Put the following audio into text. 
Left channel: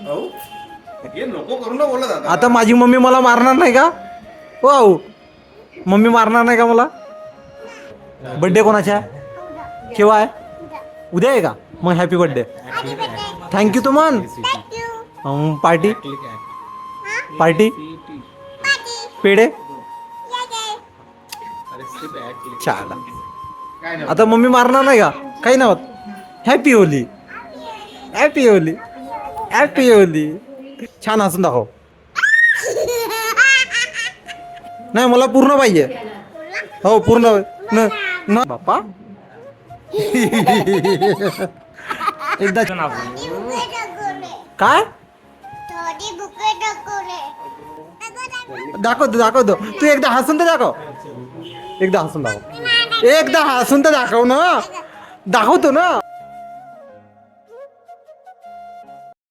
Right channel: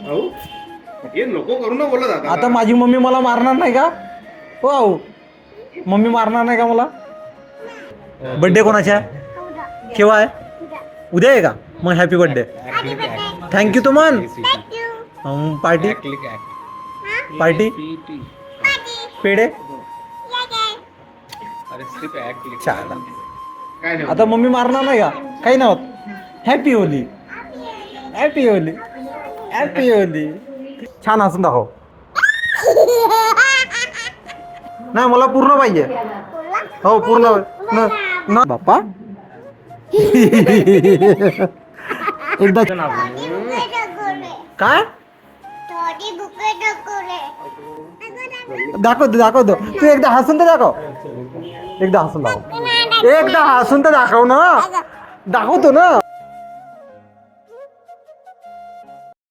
भाऊ हे नको करू ना बोलत आता माझी मम्मी मला मारणार नाही का? हो आऊ, मम्मी मारणार नाही का मला? बर्थडे कोणाचा आहे? केव्हा आहे? उद्या आहे का? मग हॅपी बर्थडे. थँक्यू तो म्हण. पार्टी पार्टी पेढे चला. काय नाही आता मम्मी मारणार नाही का? काही नाही होत. Happy Holy, happy Holy, happy Holy. छान हसून दाखव. नाही मला पूर्ण पाहिजे. हो पूर्ण न बाप्पा. एकदा काय दाखवतो दाखवतो. तू एकदा हसून तर दाखव. एकदा हसून दाखव. एकदा हसून तर दाखव ना. दाखवतो ना.